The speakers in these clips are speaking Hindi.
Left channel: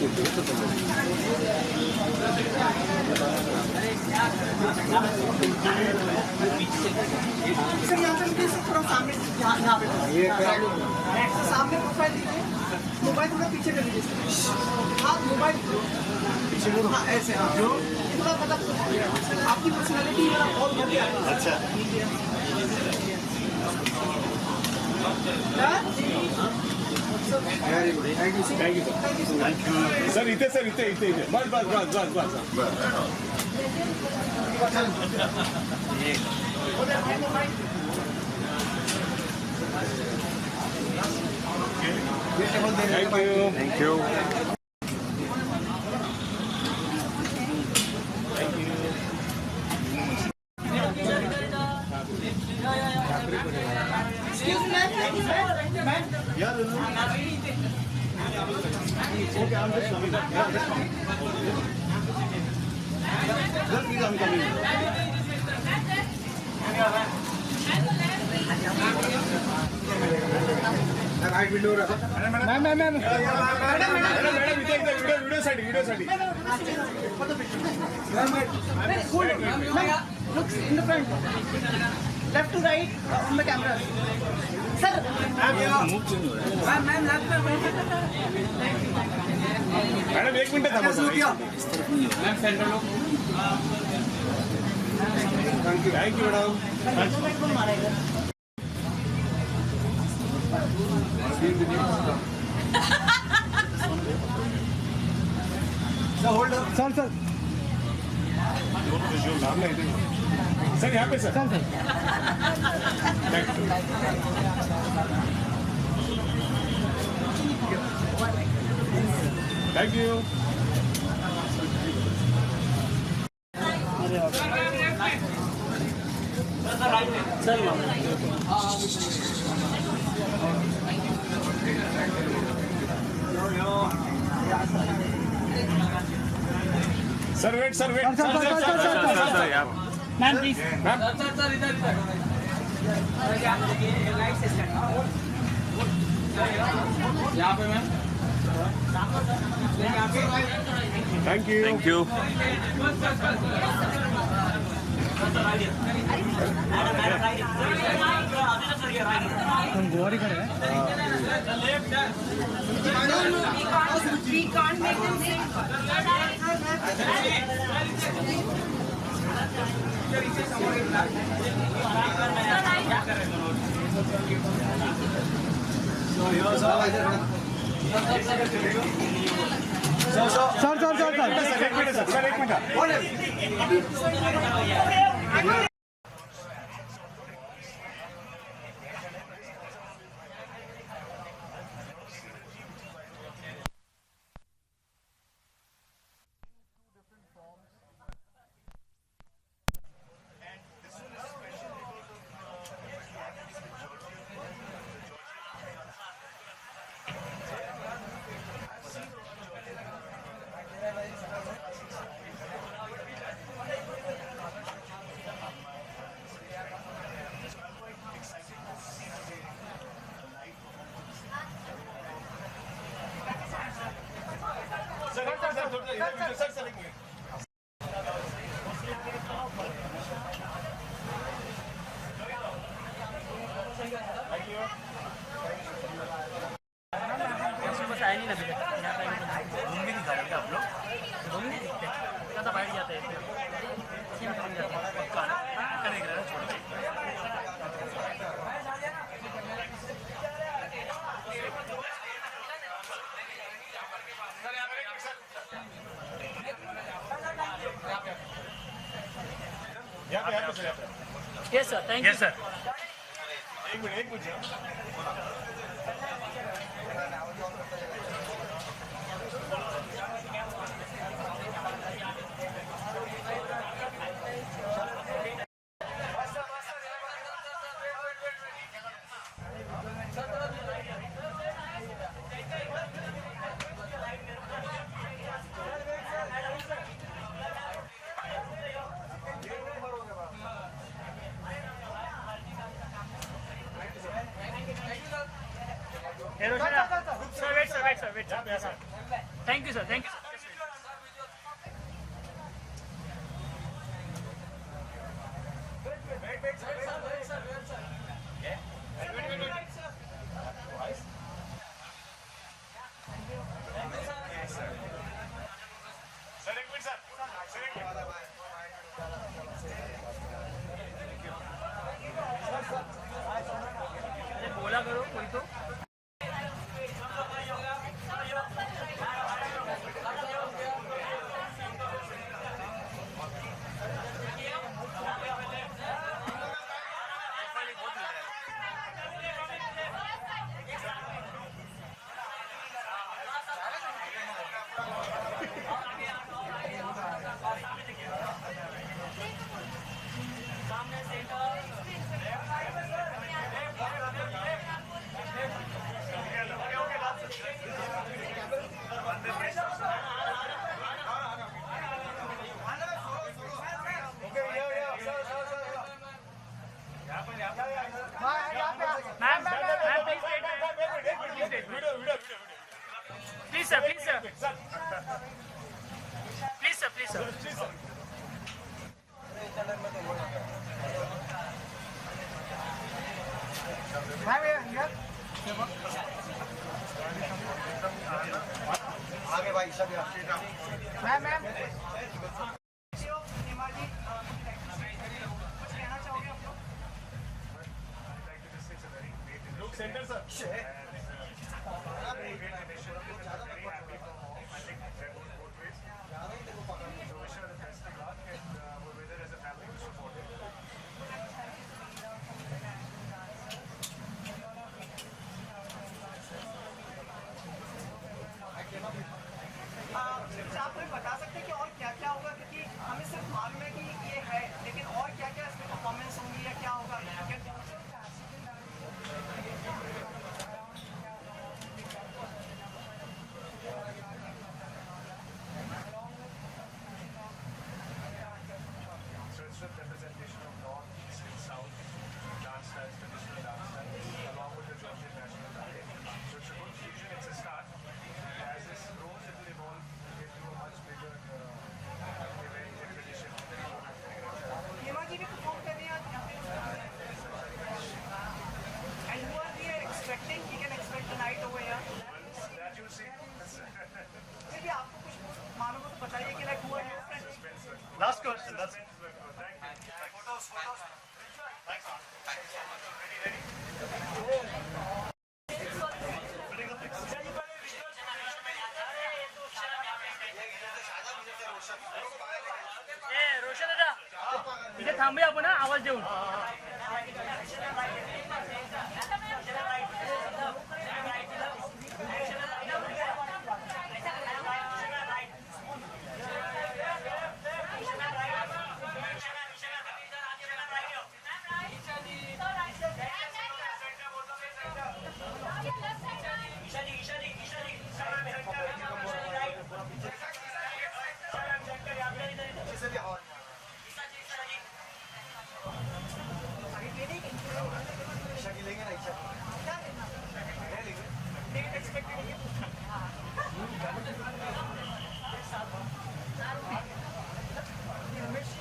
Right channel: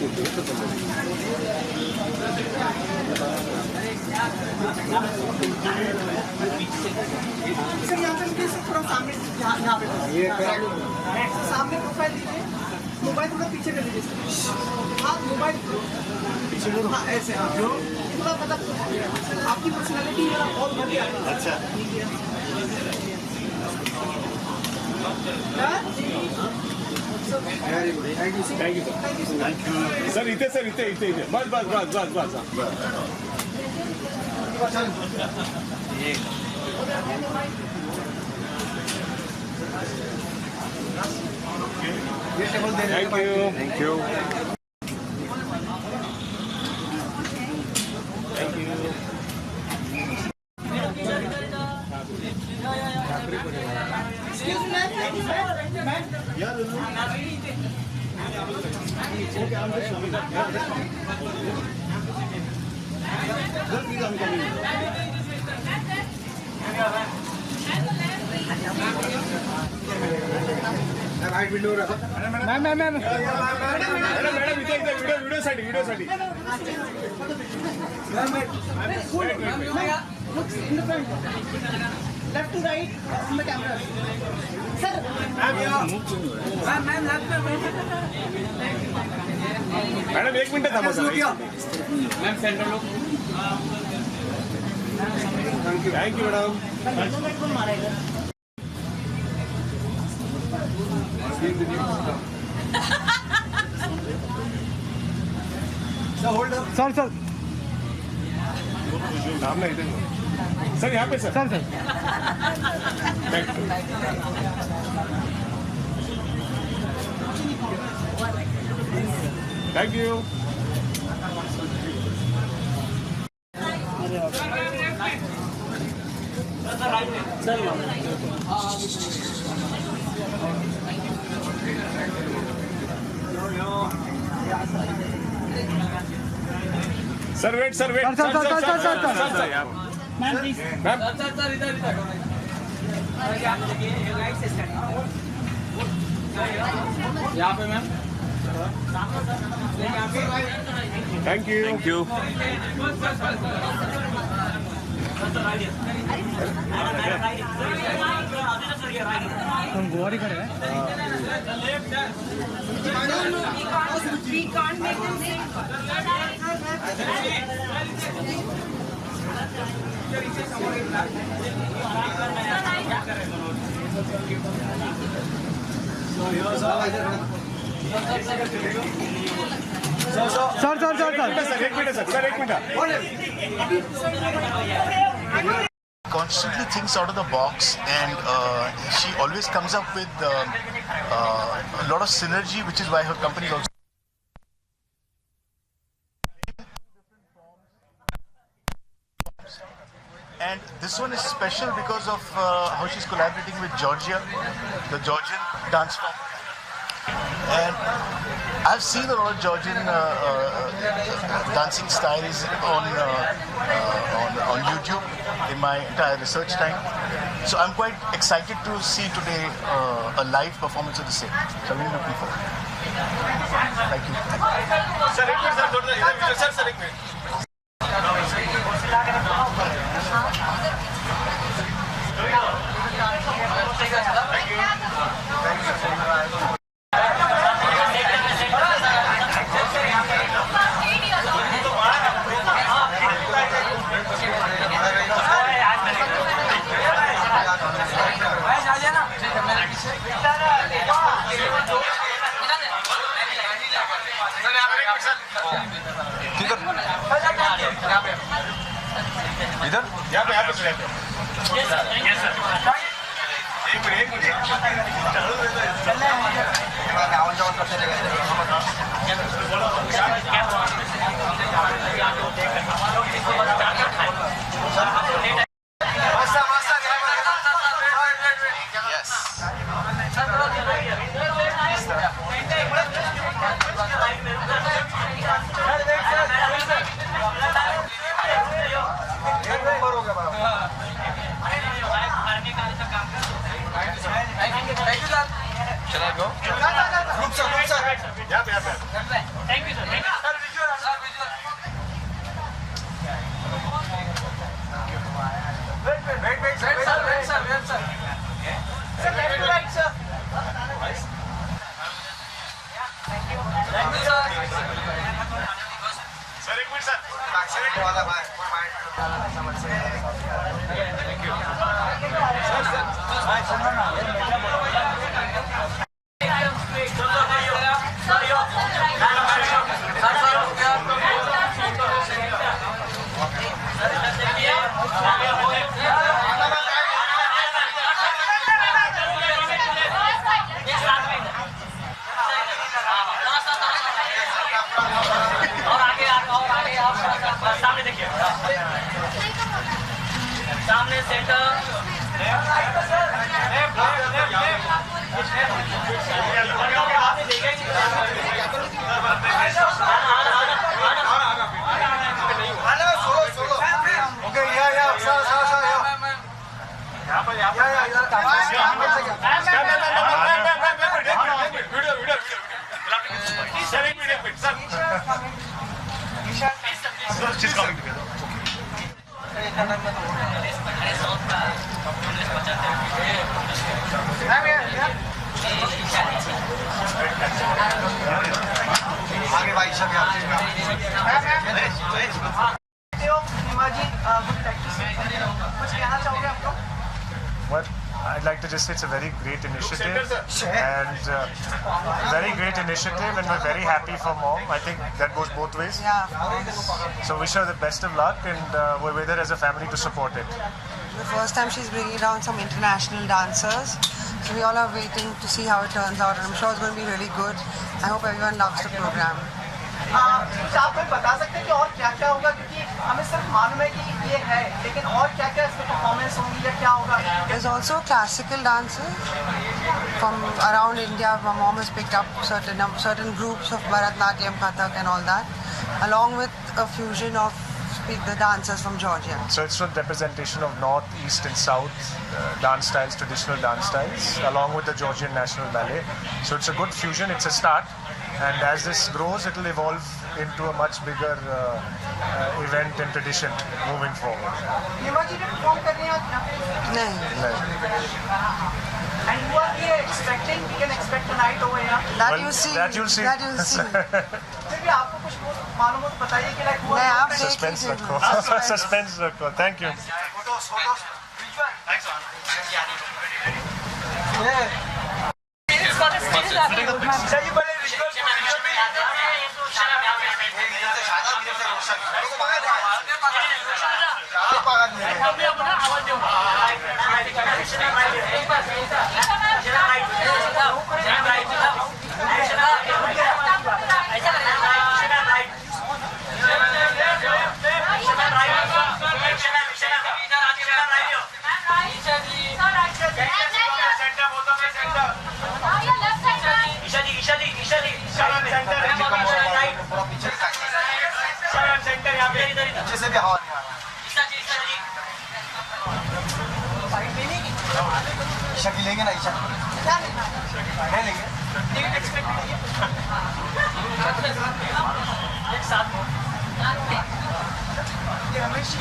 थोड़ा सामने यहाँ पे सामने प्रोफाइल दीजिए, मोबाइल थोड़ा पीछे कर लीजिए। हाँ मोबाइल पीछे, हाँ ऐसे, हाँ जो थोड़ा मतलब आपकी पर्सनालिटी बहुत बढ़िया है। अच्छा very good, thank you thank you sir इथे बस बस बस बस बस thank you left to right on the camera sir. Madam 1 minute थांबा सर। मैम सेंटर लो। Thank you madam. Sir sir नाम नहीं थे सर, यहाँ पे sir. Sir sir thank you. Sir wait sir wait sir ma'am please ma'am sir इधर यहाँ पे ma'am. Thank you thank you. हम गोवा खड़े हैं। We can't make them sing. Constantly thinks out of the box, and she always comes up with a lot of synergy, which is why her company is also. And this one is special because of how she's collaborating with Georgia, the Georgian dance form. And I've seen a lot of Georgian dancing styles on YouTube in my entire research time. So I'm quite excited to see today a live performance of the same. So I'm really looking forward. Thank you. इधर यहाँ पे यस सर एक minute Shall I go? Group sir. Thank you, sir. Thank you. Sir, एक मिनट सर. सामने देखिए, सामने सेंटर Sir, एक minute sir. She's coming together. आगे भाई सब Well, I'd like to just say it's a very great initiative and very great initiative, and we're very happy for Mom. I think that goes both ways. Yeah, So wish her the best of luck, and we're with her as a family to support it. the first time she's bringing down some international dancers. So we all are waiting to see how it turns out, and I'm sure it's going to be really good. I hope everyone loves the program. कुछ आप हमें बता सकते हैं कि और क्या क्या होगा, क्योंकि हमें सिर्फ मालूम है कि ये है, लेकिन और क्या क्या इसमें परफॉर्मेंस होंगी या क्या होगा? There's also classical dances from around India. My mom has picked up certain groups of Bharatnatyam, Kathak, and all that, along with a fusion of the dancers from Georgia. So it's a representation of North, East, and South dance styles, traditional dance styles, along with the Georgian National Ballet. So it's a good fusion. It's a start, and as this grows, it will evolve into a much bigger event and tradition moving forward. नीमा जी ने परफॉर्म कर रही हैं आज यहाँ पे? नहीं. And who are we expecting? We can expect tonight over here. That Well, you see. that you'll see. That you'll see. फिर भी आपको कुछ मालूम हो तो बताइए कि like who नहीं, are आप we expecting? Suspense rakho. Suspense rakho. Thank you. Isha की लेंगे ना, ईशा क्या लेंगे? टिकट एक्सपेक्ट कीजिए एक साथ ये Ramesh ji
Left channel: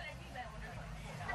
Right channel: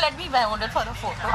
let me hold it for the photo.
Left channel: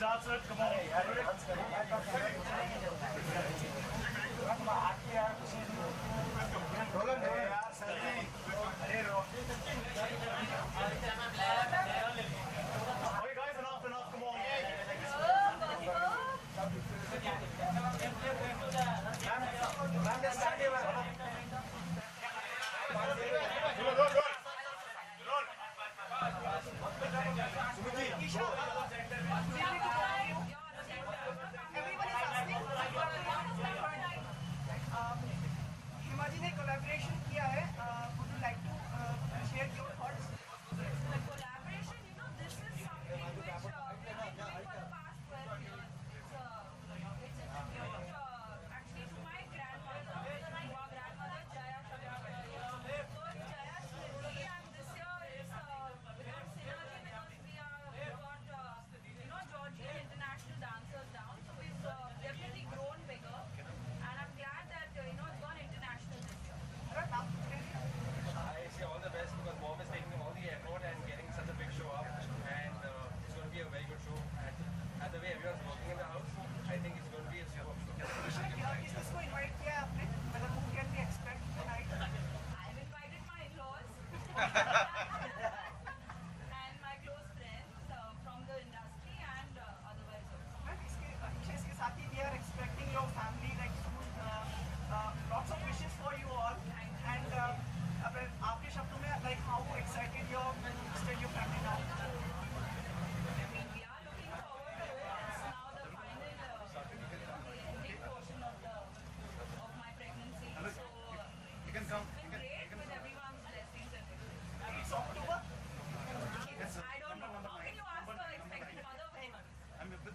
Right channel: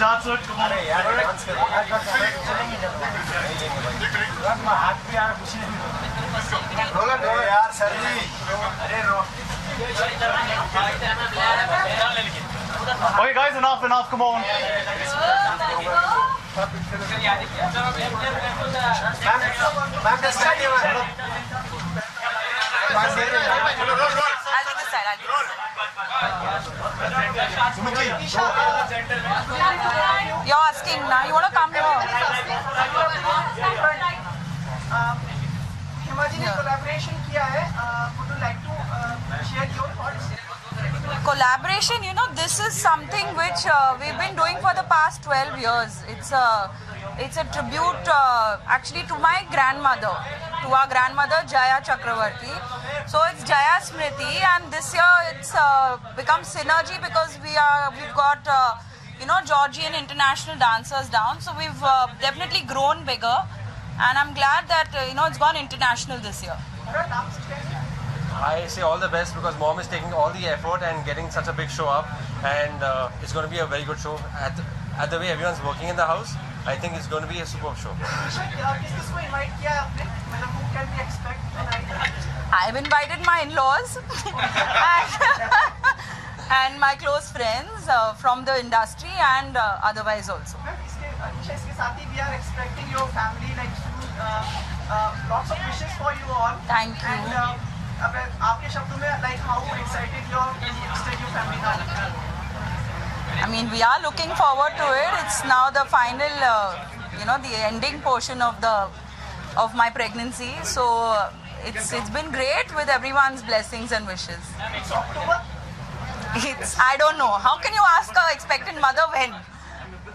Okay, guys, enough, come on. I'll take this side. You're asking now. You want to come here? हिमाजी ने कोलैबोरेशन किया है. Would you like to share your thoughts? Collaboration, you know, this is something which we've been doing for the past 12 years. It's a tribute actually to my grandmother, to our grandmother Jaya Chakravarti. So it's Jaya Smriti, and this year it's become synergy because we've got Georgian international dancers down. So we've definitely grown bigger, and I'm glad that it's gone international this year. I say all the best because mom is taking all the effort and getting such a big show up, and it's going to be a very good show. At the way everyone's working in the house, I think it's going to be a superb show. I've invited my in-laws and my close friends from the industry and otherwise also. We are expecting your family lots of wishes for you all. Thank you. And आपके शब्दों में how excited you are to extend your family now? I mean, we are looking forward to it. It's now the final, the ending portion of my pregnancy. So it's been great with everyone's blessings and wishes. It's October. I don't know. How can you ask a expectant mother when?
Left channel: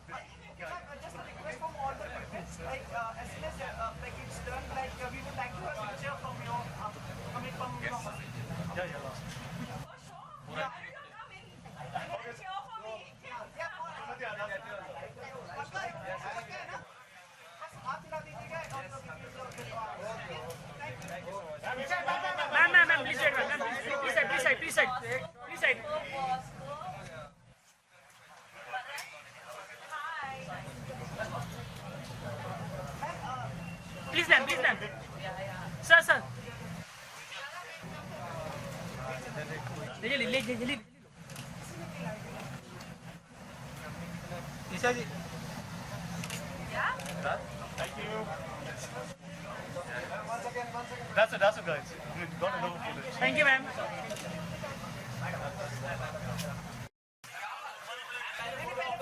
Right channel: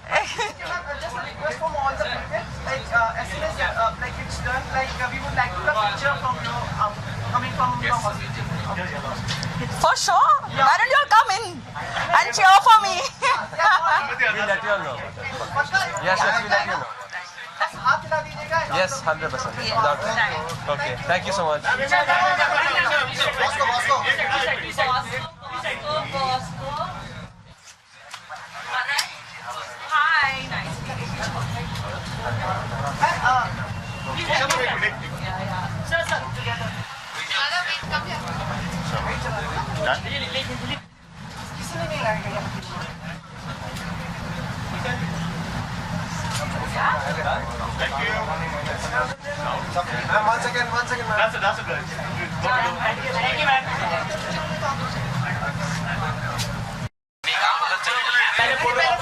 Just a request from all the parents, as soon as it's done, we would like to have a picture from you coming from the hospital. For sure. Yeah. Why don't you all come in and cheer for me? We'll let you all know. Yes, we'll let you know. Yes, 100%. Without doubt. Okay, thank you so much. Hi. Nice. Sir. One second. That's a good. Thank you, man.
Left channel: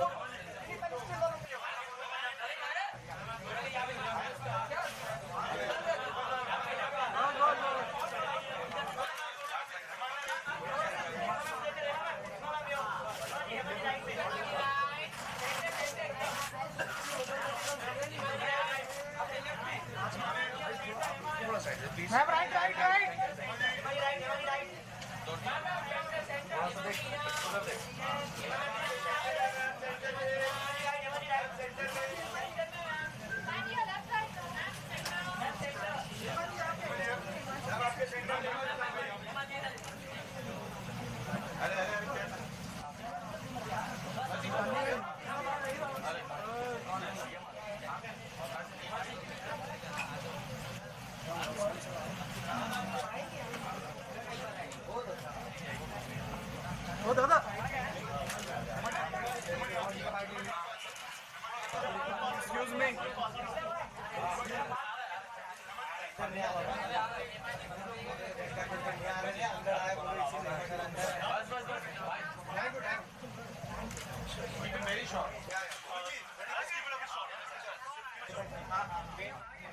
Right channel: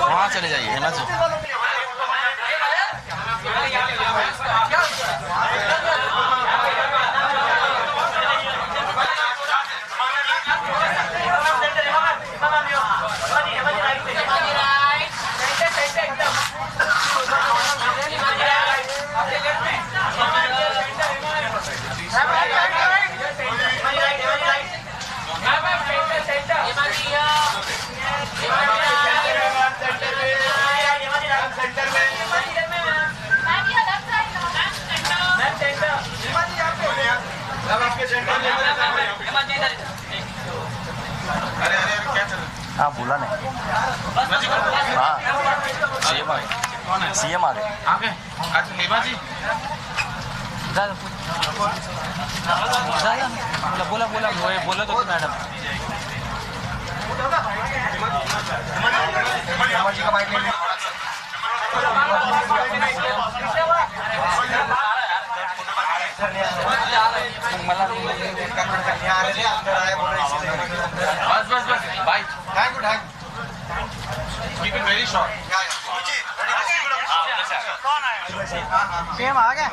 वहाँ चले जाइए ना जो हाँ बोला नहीं हाँ सीएम आ गए अच्छा हेमा जी बोला तो मैडम बस bye thank you keep it very short same आ गया.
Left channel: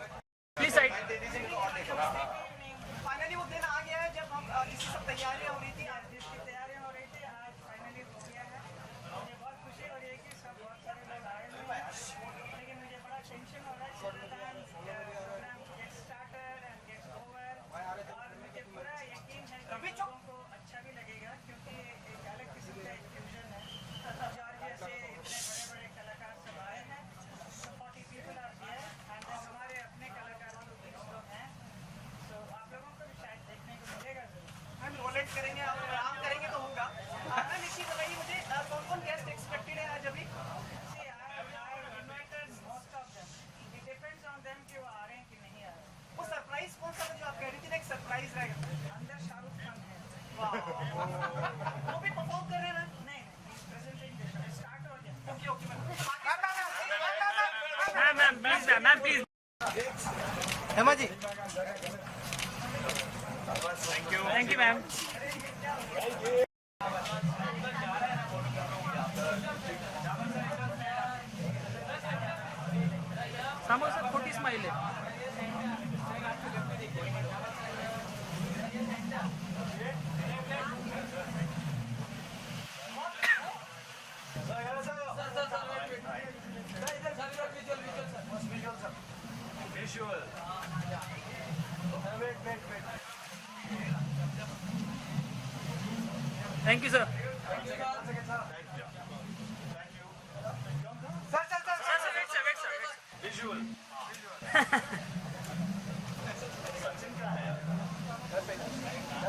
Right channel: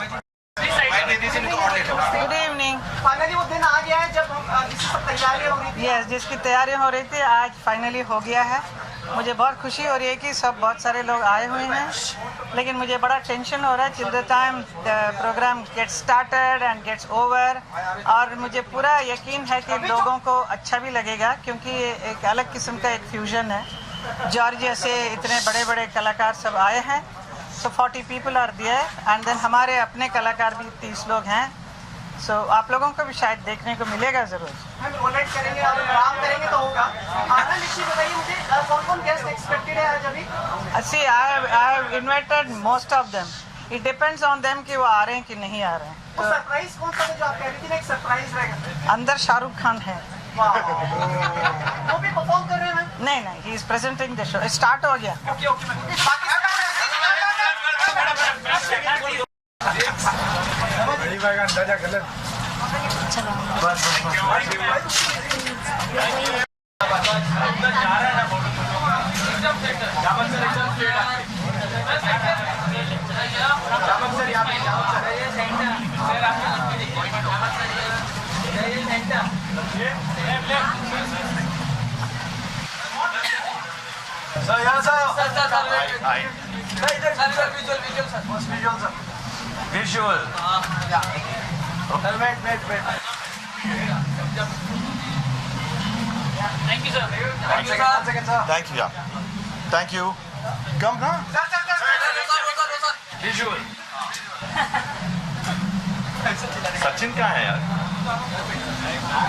Good evening. फाइनली वो दिन आ गया है जब इसकी सब तैयारियां हो रही थी. यस, जिसकी तैयारियां हो रही थी आज फाइनली हो गया है. मुझे बहुत खुशी हो रही है कि सब बहुत सारे लोग आए हुए हैं, लेकिन मुझे बड़ा टेंशन हो रहा है till the time the programme gets started and gets over. और मुझे पूरा यकीन है कि लोगों को अच्छा भी लगेगा क्योंकि ये एक अलग किस्म का एक फ्यूजन है. जॉर्जिया से इतने बड़े बड़े कलाकार सब आए हैं, so 40 people are there and then हमारे अपने कलाकार भी 30 लोग हैं. So आप लोगों को भी शायद देखने को मिलेगा जरूर. हम डोनेट करेंगे और काम करेंगे तो होगा. आना निश्चित बताइए मुझे कौन-कौन गेस्ट एक्सपेक्टेड है आज अभी? See, I have invited most of them. It depends on them कि वो आ रहे हैं कि नहीं आ रहे हैं. तो सरप्राइज कौन सा जो आप कह रही थी ना एक सरप्राइज रहेगा. अंदर शाहरुख खान है. वो भी परफॉर्म कर रहे हैं मैम? नहीं, he is presenting the show. Start हो गया. अंदाजा गलत. Visual. Wait. Thank you, sir. Thank you, yeah. Thank you. Come now. Visual. Sachin कहाँ है यार?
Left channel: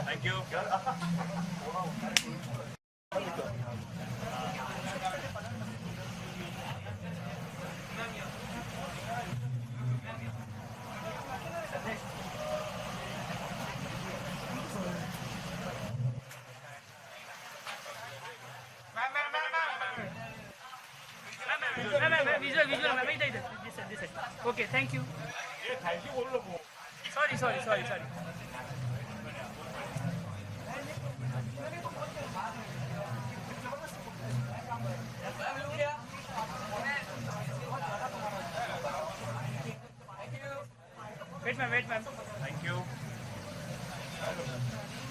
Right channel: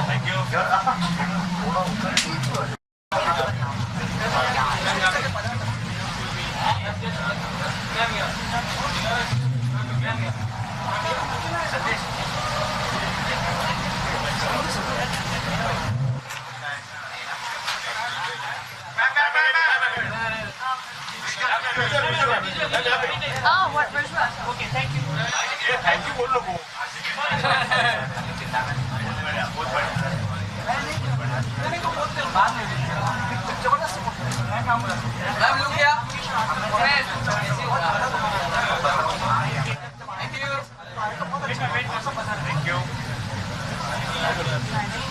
Thank you. Okay, thank you. Thank you बोल लो वो.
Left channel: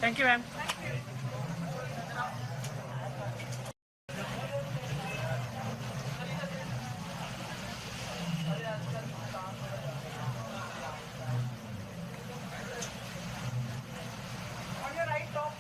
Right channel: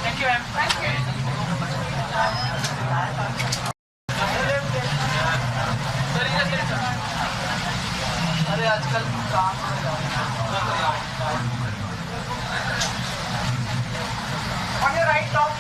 Thank you, ma'am. On your right top.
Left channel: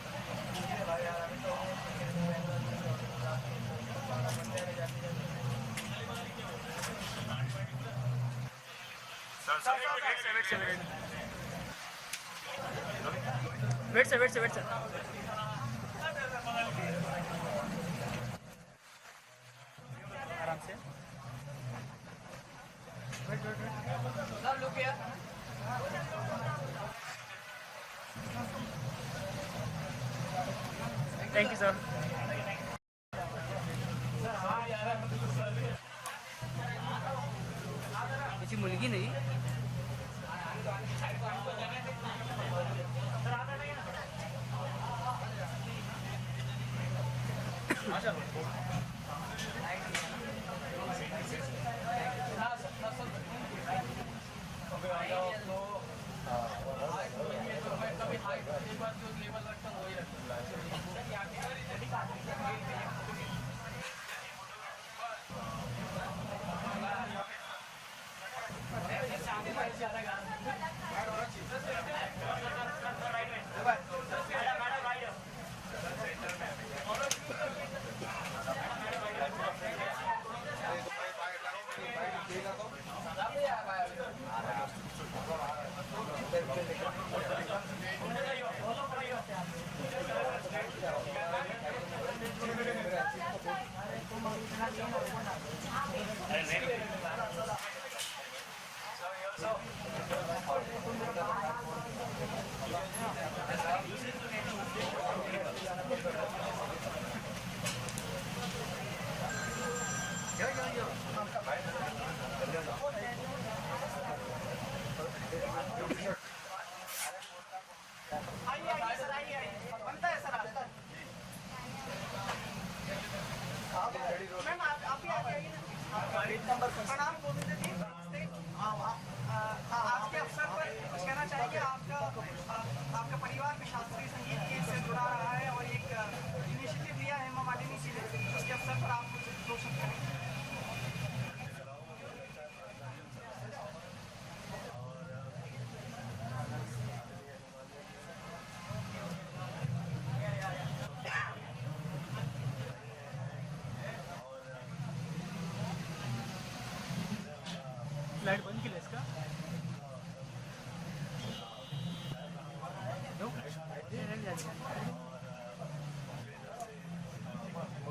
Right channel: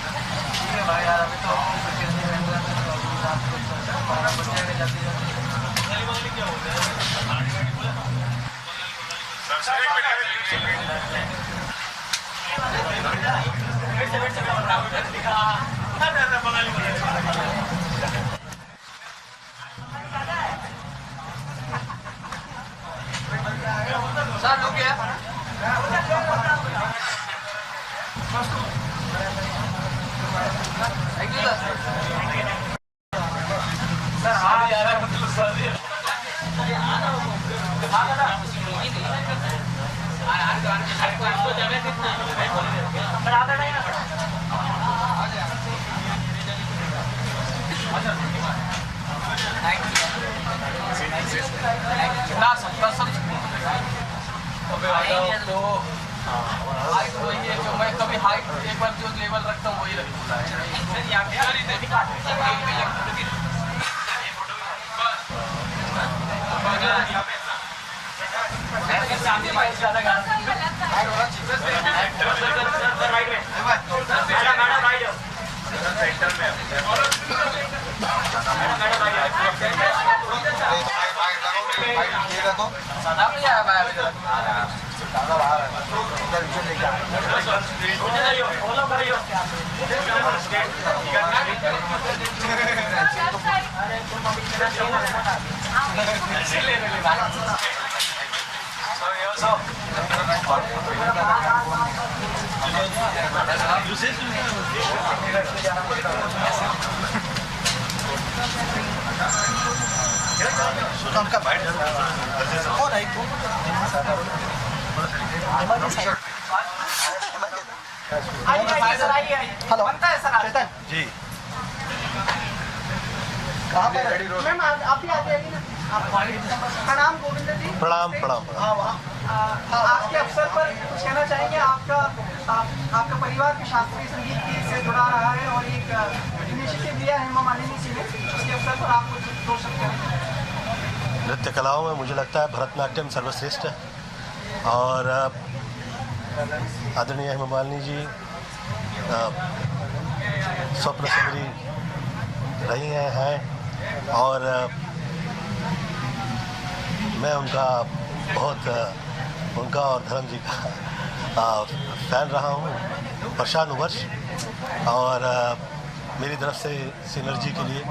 Hello Chetan ji कहाँ पर मैम आप भी आ जाइए ना. प्रणाम गोविंद जी. प्रणाम. आज के अवसर पर कुछ कहना चाहेंगे. आपका परिवार के शास्त्रीय संगीत से जुड़ा रहा है और एक इनिशिएटिव लिया है हेमा मालिनी जी ने. उसके अवसर पर आप कुछ दो शब्द कहें. नृत्य कलाओं में मुझे लगता है भरतनाट्यम सर्वश्रेष्ठ है और आदरणीय हेमा मालिनी जी स्वप्न सुंदरी रही हैं और मैं उनका और धर्म जी का फ़ैन रहा हूँ वर्षानुवर्ष, और मेरी तरफ से सिनर्जी के लिए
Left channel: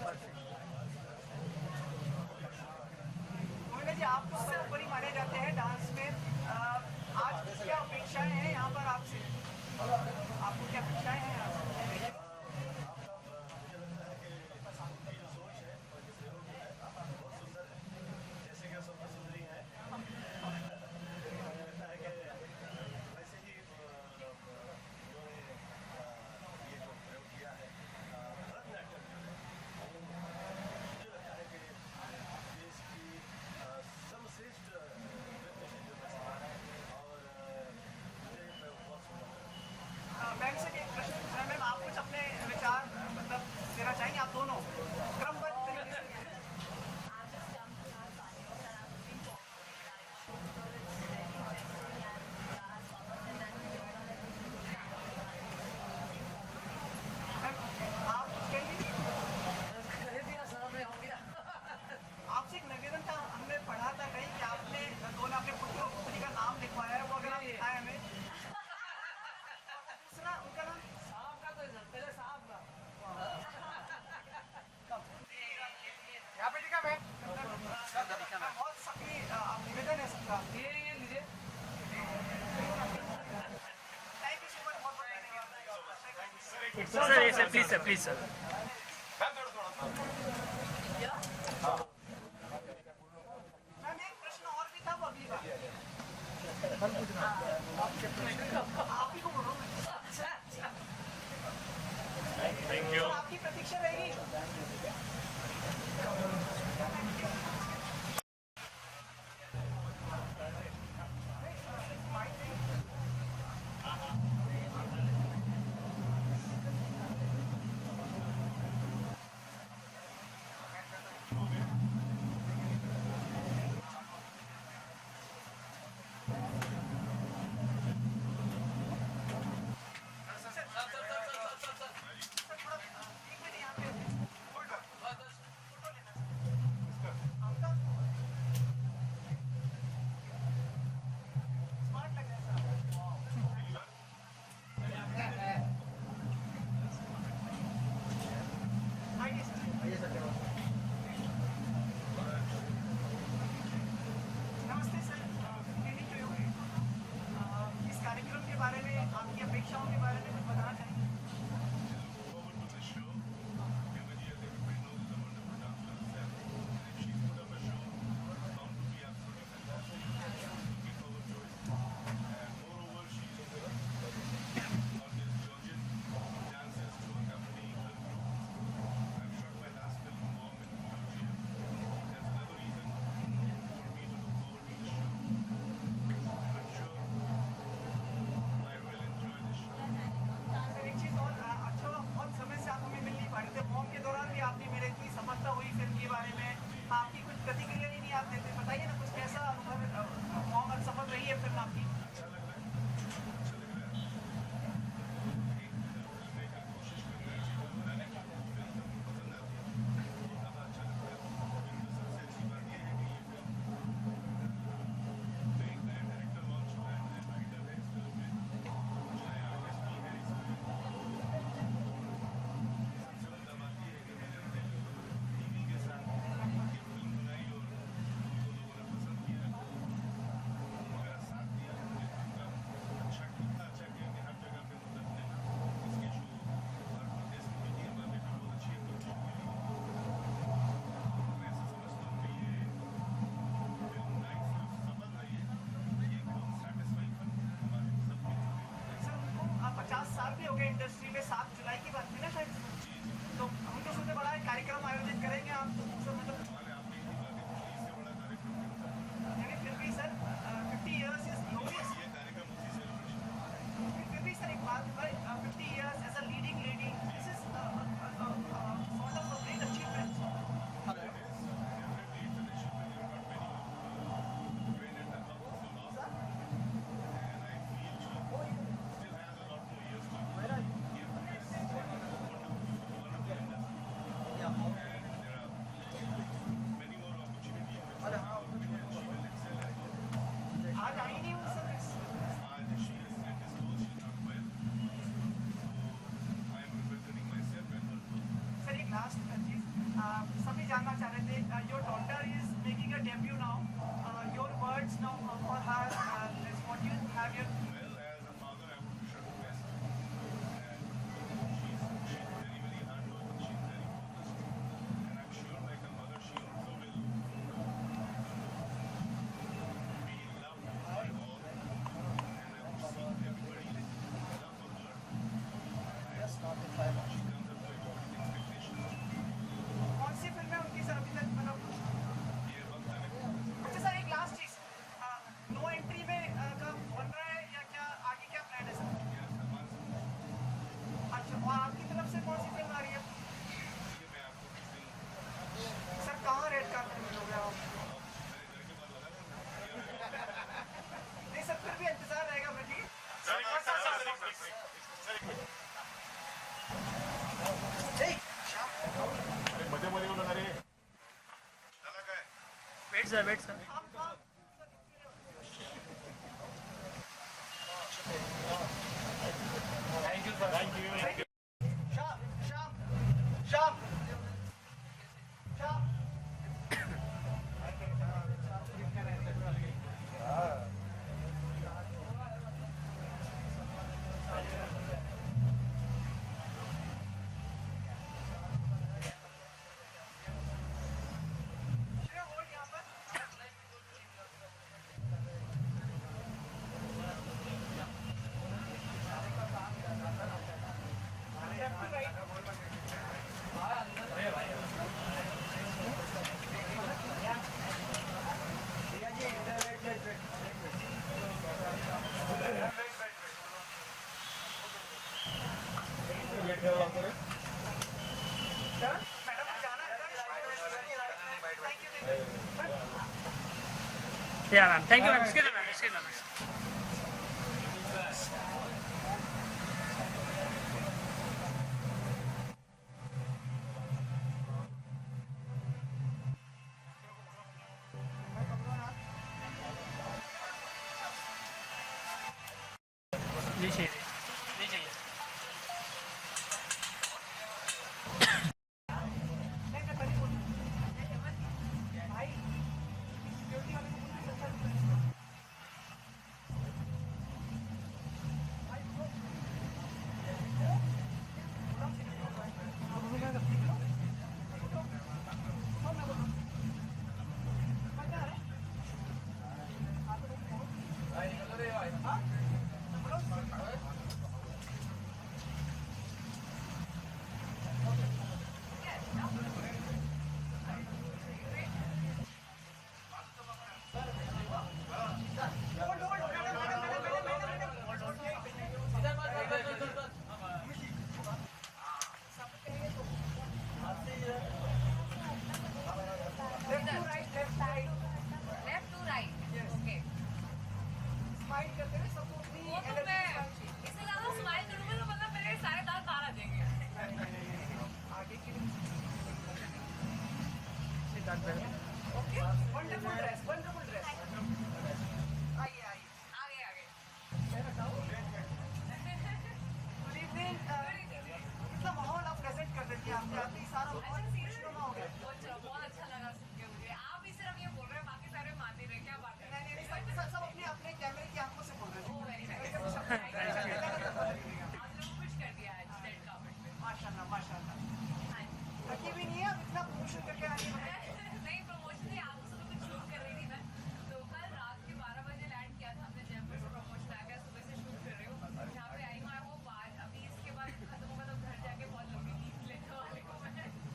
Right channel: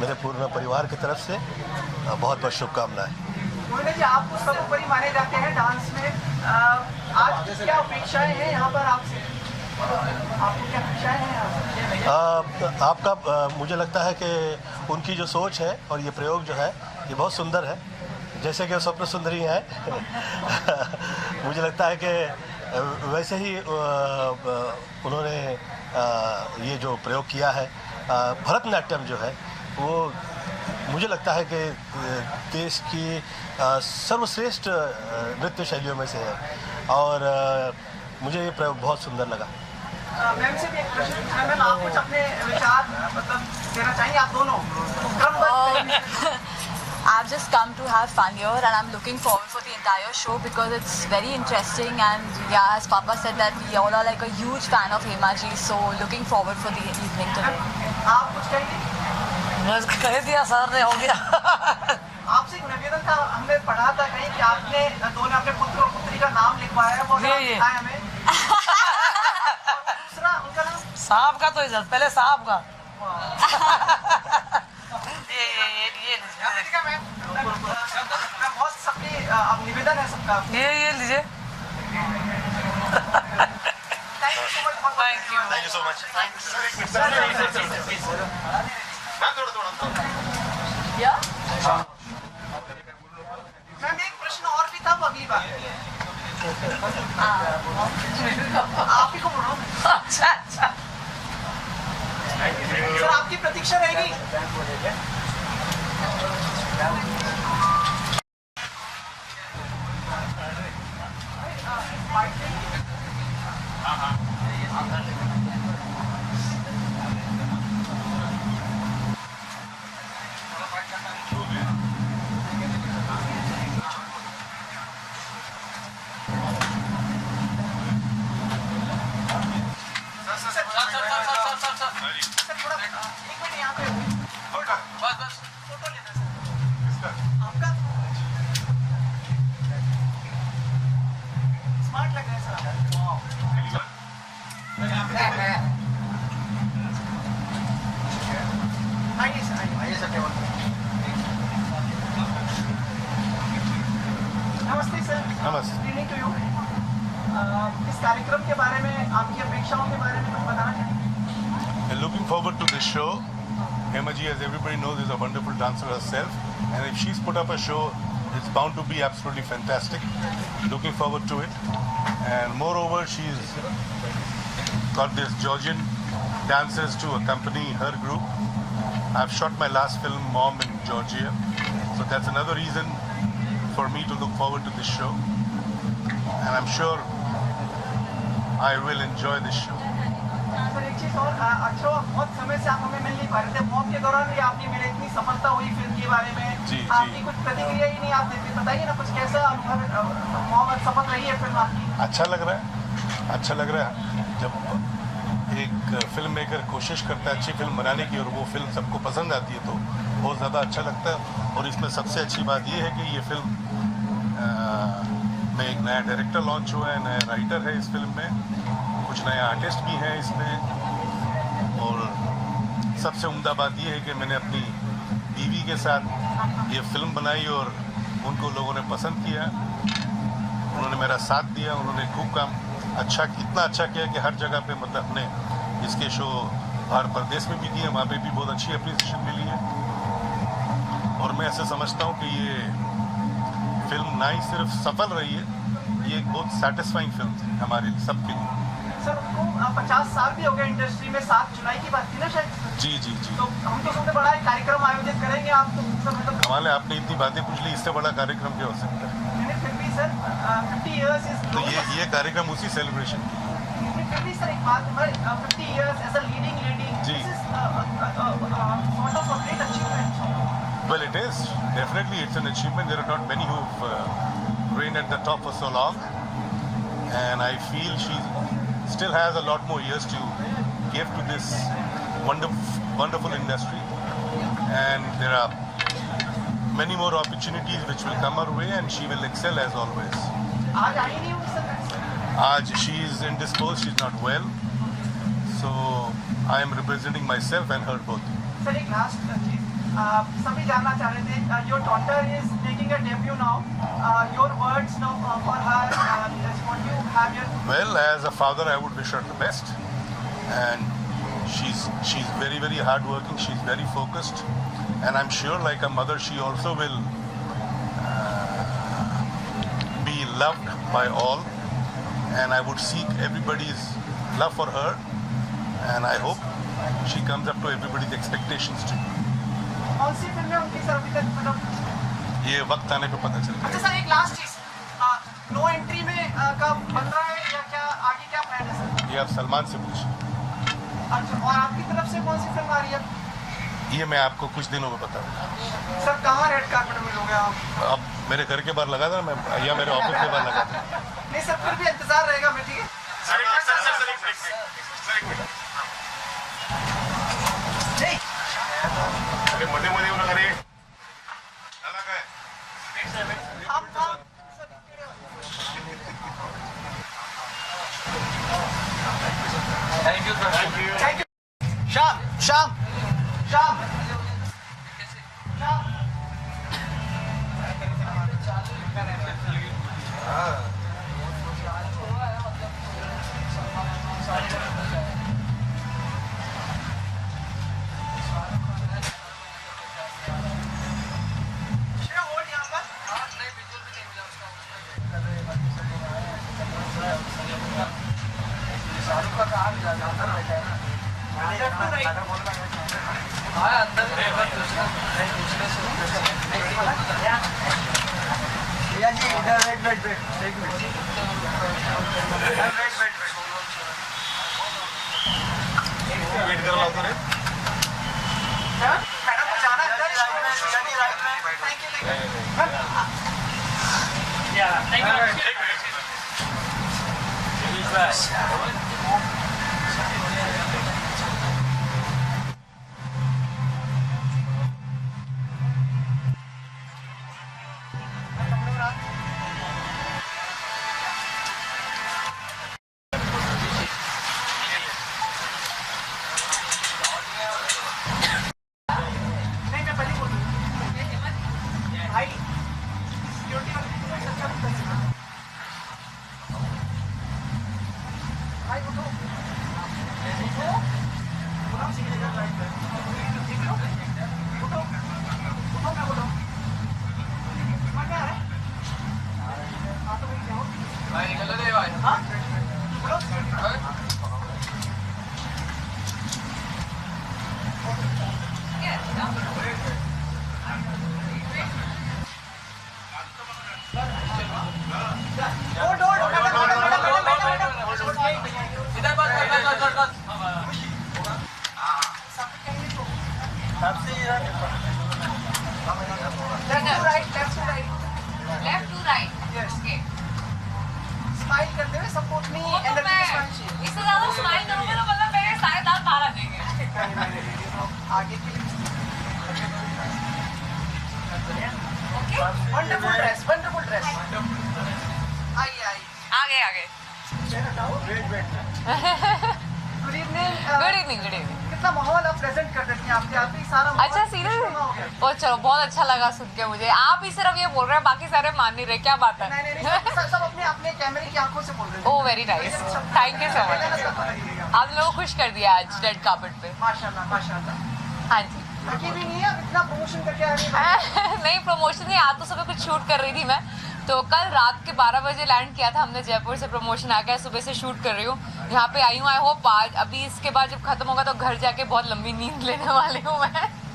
मेरे पूर्ण परिवार की तरफ से बहुत बहुत शुभकामनाएं। मोहिनी जी, आप तो सर्वोपरि माने जाते हैं डांस में, आज क्या अपेक्षाएं हैं यहाँ पर आपसे? आपको क्या अपेक्षाएं हैं आपका मुझे लगता है कि उनकी जो सोच है और ये प्रयोग जो है ये बहुत सुंदर है, जैसे कि स्वप्न सुंदरी है। मुझे लगता है कि वैसे ही उन्होंने ये जो प्रयोग किया है, भरतनाट्यम जो है वो मुझे लगता है कि देश की सर्वश्रेष्ठ नृत्य शैलियों में से है, और मुझे ये प्रयोग बहुत सुंदर लगा। मैम से भी एक प्रश्न है। मैम, आप कुछ अपने विचार मतलब देना चाहेंगे? आप दोनों क्रमबद्ध। I've just come to have fun here and I'm looking forward for the entire show because it's very interesting, and yeah, as Papa said that we all are like a huge fan of Hema ji, so looking forward for the evening today. आप कुछ कहेंगे? बस कह दिया सर ने, हो गया। आपसे एक निवेदन था, हमने पढ़ा था कहीं कि आपने दोनों अपने पुत्र और पुत्री का नाम लिखवाया है, वो बताया हमें। दूसरा उनका नाम साहब का तो इज्जत, पहले साहब का। बहुत सबकी निवेदन है सबका। ये लीजिए। Thank you so much. Ma'am, एक प्रश्न और भी था, वो अगली बार आप ही को बोलो। अच्छा। सर, आपकी प्रतीक्षा रहेगी। नमस्ते सर। नमस्ते। इस कार्यक्रम के बारे में, आपकी अपेक्षाओं के बारे में कुछ बताना चाहेंगे? Looking forward to this show. Hema ji, as everybody knows, is a wonderful dancer herself, and if she's put up a show, it's bound to be absolutely fantastic. Looking forward to it, and moreover, she's got these Georgian dancers to accompany her group. I've shot my last film, Mom, in Georgia, so that's another reason for me to look forward to this show, and I'm sure I will enjoy this show. Sir, एक चीज और, अच्छा बहुत समय से आप हमें मिल नहीं पा रहे थे, मॉम के दौरान भी आपने मेरे इतनी सफलता हुई फिल्म के बारे में, जी, आपकी कुछ प्रतिक्रिया ही नहीं आप देते, बताइए ना कुछ, कैसा अनुभव, मॉम सफल रही है फिल्म आपकी? अच्छा लग रहा है जब एक फिल्म मेकर कोशिश करता है अच्छी फिल्म बनाने की और वो फिल्म सबको पसंद आती है, तो बहुत ज़्यादा अच्छा लगता है। और इसमें सबसे अच्छी बात ये है कि ये फिल्म में एक नया डायरेक्टर लॉन्च हुआ है, नया राइटर है इस फिल्म में, कुछ नया आर्टिस्ट भी है इसमें, और सबसे उम्दा बात ये है कि मैंने अपनी बीवी के साथ ये फिल्म बनाई और उनको लोगों ने पसंद किया, उन्होंने मेरा साथ दिया, उन्होंने खूब काम इतना अच्छा किया कि हर जगह पे मतलब अपने इसके शो बाहर प्रदेश में भी किए, वहाँ पे भी बहुत अच्छी अप्रिसिएशन मिली है। और मैं ऐसे समझता हूँ कि ये फिल्म ना ही सिर्फ सफल रही है, ये एक बहुत सेटिस्फाइंग फिल्म थी हमारे सबके लिए। सर, उनको 50 साल भी हो गए इंडस्ट्री में, 7 जुलाई की बात थी ना शायद? जी। तो हम तो सुनते बड़ा एक कार्यक्रम आयोजित करेंगे आप, तो मतलब कमाल है, आपने इतनी बातें पूछ ली, इससे बड़ा कार्यक्रम क्या हो सकता है? फिर भी सर 50 इयर्स इज, तो ये कार्यक्रम उसी सेलिब्रेशन की। फिर भी सर एक बात, 50 years as a leading lady, ji. This is sort of a great achievement. Well, it is. Definitely, it's an achievement. There are not many who've reigned at the top for so long. And I feel she still has a lot more years to give to this wonderful industry. And there are many more opportunities which will come her way, and she will excel as always. आज आई नहीं हूँ सर? आज she is indisposed, she is not well, so I am representing myself and her both. Sir एक लास्ट चीज सभी जानना चाह रहे थे your daughter is making a debut now your words now for her what you have your Well, as a father, I would wish her the best, and she's very hardworking. She's very focused, and I'm sure, like a mother, she also will be loved by all. And I would seek everybody's love for her, and I hope she comes up to everybody's expectations too. कौन सी फिल्म है उनकी सर अभी तक मतलब ये वक्त आने पे पता चलेगा. अच्छा सर एक लास्ट चीज नो एंट्री में कब बन रहा है या क्या आगे क्या प्लान है सर ये आप सलमान से पूछिए. अच्छा और आपकी तरफ से कौन सी फिल्म आ रही है ये मैं आपको कुछ दिनों में बताऊंगा. सर कहाँ रेड कार्पेट मिलोगे आप अब मेरे घर के बाहर लगा था मैं, या मेरे ऑफिस के बाहर लगा था. नहीं सर फिर भी इंतजार रहेगा मैं ठीक है मध्ये येऊ नका रे. थैंक यू शाम शाम शाम भैया जी इधर वेट एक मिनट वेट कर लाओ रे. मैडम को जाना है थैंक यू कितना माहौल आप प्रेजेंट कर देती हैं आपके आप ही सारा अच्छा सीरियस और चलो बहुत अच्छा लगा सुन के मुझे. आप ही सिर्फ ये बोल रहे हैं बाकी सारे मान नहीं रहे, क्या बात है? नहीं सब अपने अपने कैमरे की आंखों से बोल रहे हैं. Oh very nice, thank you so much. आप लोगों को खुश कर दिया आज रेड कार्पेट पे. माशाल्लाह. हाँ जी. बाकी भी नहीं है इतना प्रमोशन करके आ रही है. नहीं प्रमोशन नहीं, आज तो सुबह कुछ शूट कर रही थी मैं. तो कल रात के 12 बजे लैंड किया था हमने जयपुर से. प्रमोशन आ गया, सुबह से शूट कर रही हूँ, यहाँ पे आई हूँ. आई होप आज अभी इसके बाद जब खत्म होगा तो घर जाके बहुत लंबी नींद लेने वाली हूँ मैं.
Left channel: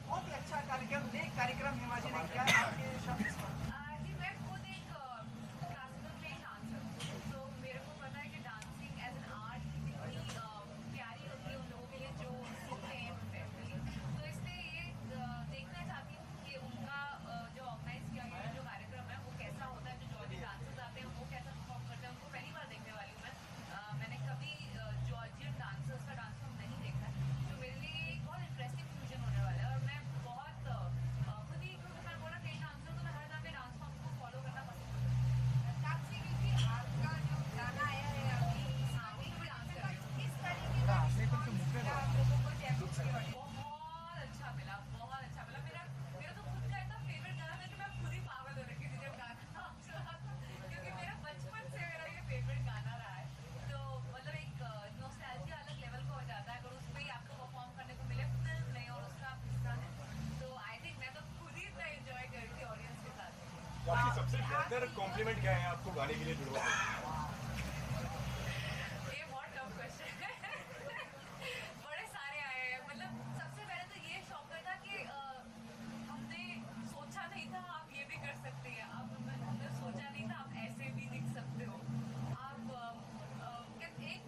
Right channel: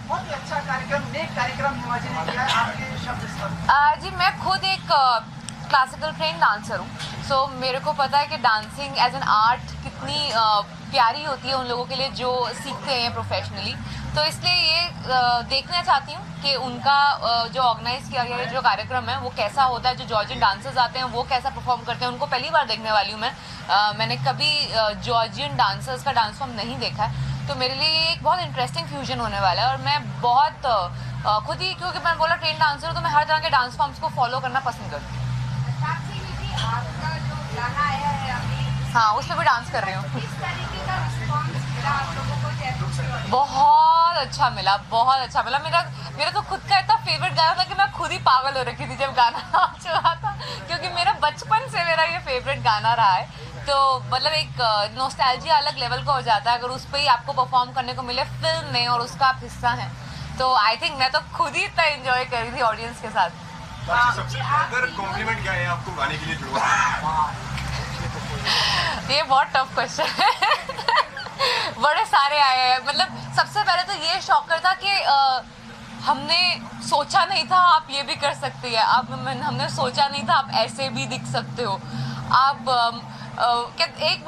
बहुत ही अच्छा कार्यक्रम, नेक कार्यक्रम हिमाचल ने किया है. आपके शब्द इस पर. जी मैं खुद एक क्लासिकल ट्रेन डांसर हूँ. सो मेरे को पता है कि डांसिंग एज एन आर्ट कितनी प्यारी होती है उन लोगों के लिए जो सीखते हैं प्रोफेशनली. तो इसलिए ये देखना चाहती हूँ कि उनका जो ऑर्गेनाइज किया गया जो कार्यक्रम है वो कैसा होता है. जो जॉर्जियन डांसर्स आते हैं वो कैसा परफॉर्म करते हैं, उनको पहली बार देखने वाली हूँ मैं. मैंने कभी जॉर्जियन डांसर्स का डांस फॉर्म नहीं देखा है. तो मेरे लिए ये एक बहुत इंटरेस्टिंग फ्यूजन होने वाला है. और मैं बहुत खुद ही, क्योंकि मैं बोला ट्रेन डांसर हूँ, तो मैं हर तरह के डांस फॉर्म्स को फॉलो करना पसंद करती हूँ. आपका जो गाना आया है हाँ उस पर भी डांस कर रही हूँ। बहुत अच्छा मिला, बहुत अच्छा मिला। मेरा तो खुद का इतना फेवरेट गाना था कि मैं खुद ही पागल हो रखी थी जब गाना चला था, क्योंकि मेरा बचपन से मेरा ये फेवरेट गाना रहा है। तो मतलब एक नॉस्टैल्जिया अलग लेवल का हो जाता है अगर उस पर ही आपको परफॉर्म करने को मिले फिल्म में और उसका आप हिस्सा हैं। तो आई थिंक मैं तो खुद ही इतना एंजॉय कर रही थी ऑडियंस के साथ। सबसे बेहतर कॉम्प्लीमेंट क्या है आपको गाने के लिए जुड़ा? ये बहुत टफ क्वेश्चन है। बड़े सारे आए हैं। मतलब सबसे पहले तो ये शॉकर था कि हमने सोचा नहीं था आप ये भी कर सकती है, आप हमने सोचा नहीं था आप ऐसे भी दिख सकते हो। आप एक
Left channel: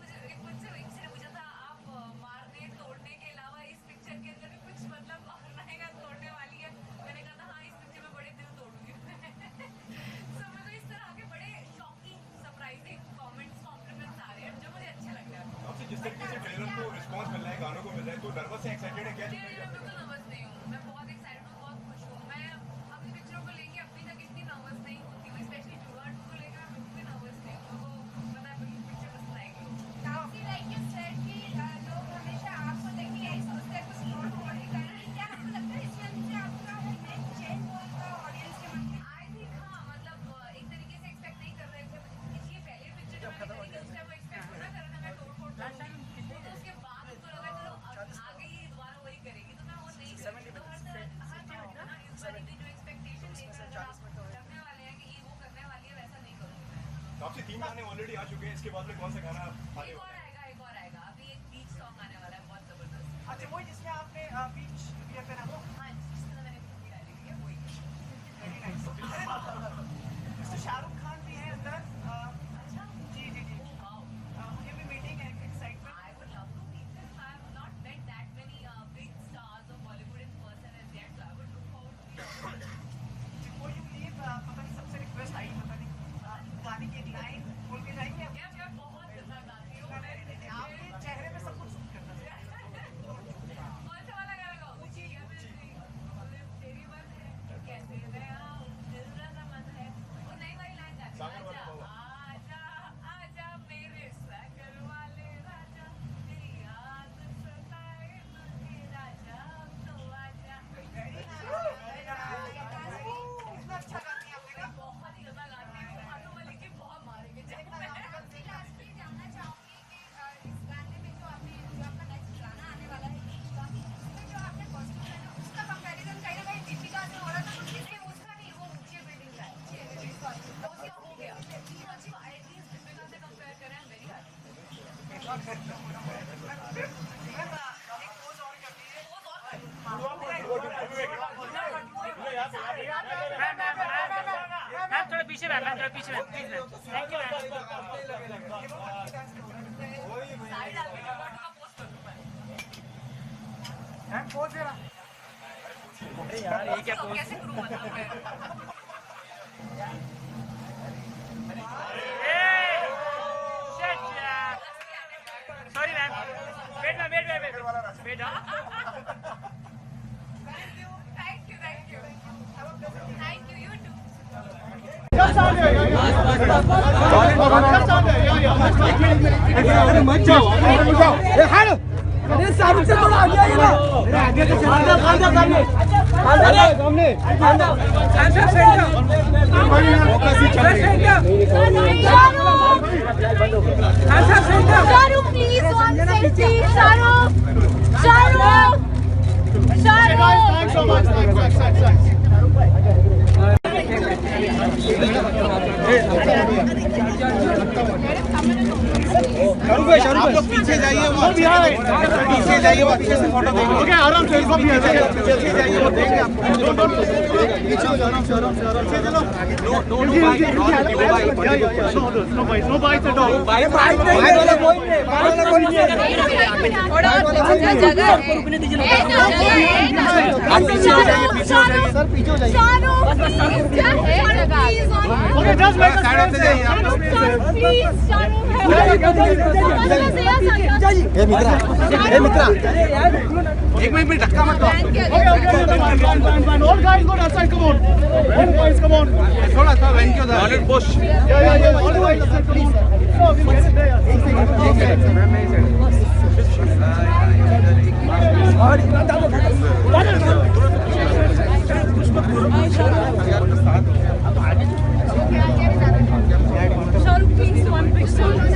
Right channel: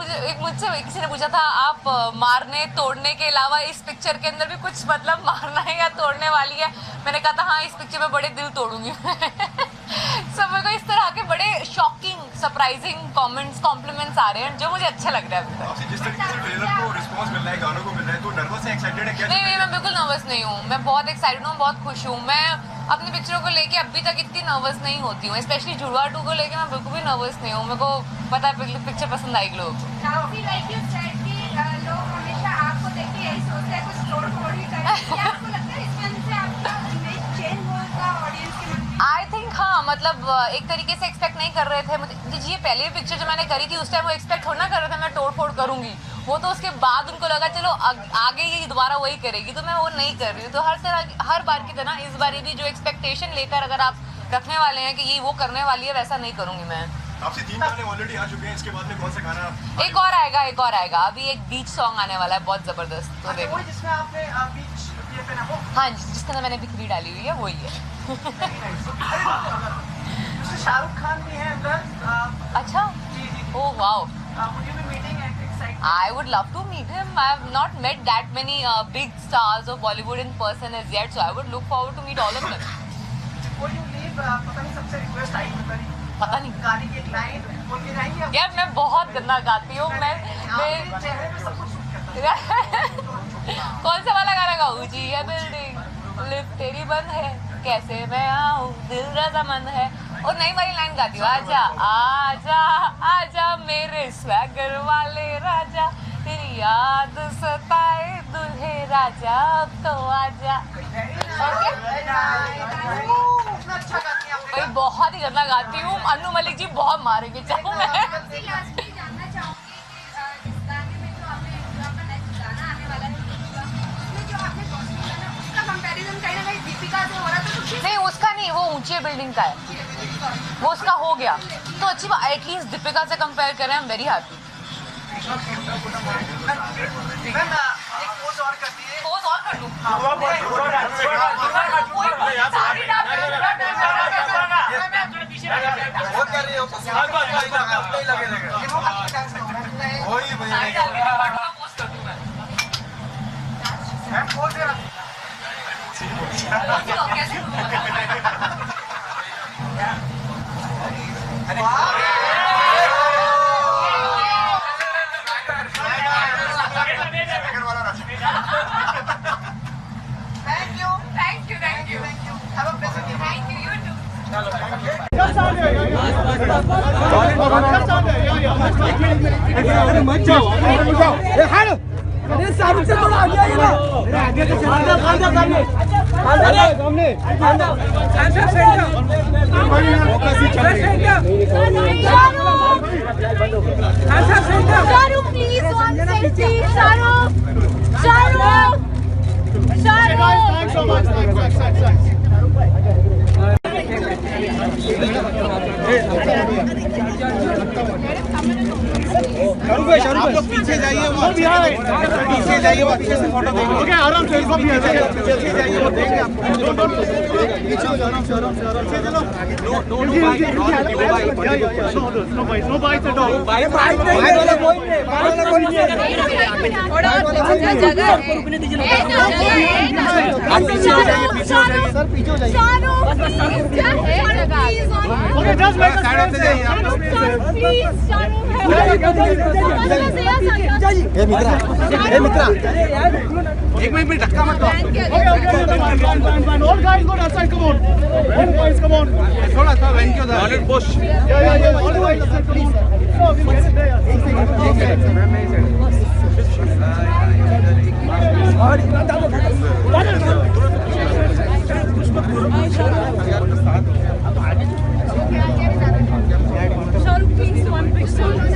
मुझसे किसी ने पूछा था आप मारने तोड़ने के अलावा इस पिक्चर के अंदर भी कुछ मतलब मारना है या तोड़ने वाली है। मैंने कहा था हाँ इस पिक्चर में बड़े दिल तोड़ूंगी। सब मेरे को इस तरह के बड़े शॉकिंग सरप्राइजिंग कॉम्प्लीमेंट्स आ रहे हैं जो मुझे अच्छे लग रहे हैं। आपसे जिस तरीके से ट्रेलर को रिस्पांस मिल रहा है, गानों को मिल रहा है, तो नर्वस है, एक्साइटेड है क्या? नहीं मैं बिल्कुल नर्वस नहीं हूँ। मैं बहुत एक्साइटेड हूँ, बहुत खुश हूँ। मैं अपनी पिक्चरों को लेके अभी तक इतनी नर्वस नहीं होती हूँ। स्पेशली जुड़वा 2 को लेके मैं बिल्कुल भी नर्वस नहीं हूँ। मेरे को पता है पिक्चर पसंद आएगी लोगों को। आई थिंक हाँ, मतलब एक तरीके से एक्सपेक्ट नहीं कर रहे थे मुझे। ये पहली पिक्चर जो मैंने करी थी उस टाइम वो एक्सपेक्ट थोड़ा ना कर रहे थे मैं तोड़ फोड़ करूंगी। वो तो उसके बाद उनको लगा चलो आगे ये दोबारा वही करेगी, तो मैं वो नहीं कर रही हूँ। तो हर बार की तरह इस बार भी जो एक्सपेक्टेशन लेकर अगर आप रखने वाले हैं कि ये वो करने वाली है, वैसा नहीं करूंगी मैं। आपसे 3 गाने ऑलरेडी आ चुके हैं, इसके बाद में कौन सा गाना? एक और आएगा। अभी एक बीच सॉन्ग आने वाला है बहुत जबरदस्त। तो देखो जिसमें आपने बीच ये पहना वो? हाँ जिसके अंदर मैंने बिखरी डाली हुई है वही है। शाहरुख खान भी है अंदर। अच्छा ओह वाओ। मुझे भी मीटिंग है। I would love to meet him. I have not met that many big stars of Bollywood in person as yet, so I would look forward to meet all of them. Before you leave, पता नहीं सबसे रिक्वेस्ट आई पता नहीं गाने की एक लाइन बोल के जाएंगे। यार मैं बहुत गंदा गाती हूँ। मैं चेहरे पे सब कुछ सूट करता है। कौन सा वाला गाना गाऊँ जी? ये बिल्डिंग लिफ्ट तेरी बंद है, कैसे मैं आऊँ दिल रजामंद है। और नई वाली लाइन गाती हूँ, आजा आजा आजा मेरे स्वैगर वाले राजा, तेरी याद सताए दुल्हे राजा, अब तो आजा। भाई बहुत ही गंदा गाती हूँ। अनु मलिक जी बहुत मारेंगे चाहूँ मैं। नहीं उसका नहीं, वो ऊंची बिल्डिंग का है, वो उसका हो गया तो अच्छी बात। एटलीस्ट दीपिका से कंपेयर करें, I am very happy. Pose और कर दूं? शाहरुख से थोड़ा आगे आइए ना। आगे तो Shahrukh please one selfie. Shahrukh आप लोग पीछे जाइए, पीछे जाइए, पीछे से फोटो देंगे। आराम से पीछे जाइए, वो देंगे आपको। पीछे हो जाना, मित्रा एक मिनट धक्का मत दो। All guys go outside, come on. All guys come on. थोड़ा सा वेंक्यू दा। Push. Yeah. All guys outside, come on. So we get it there. Shahrukh, please, one picture.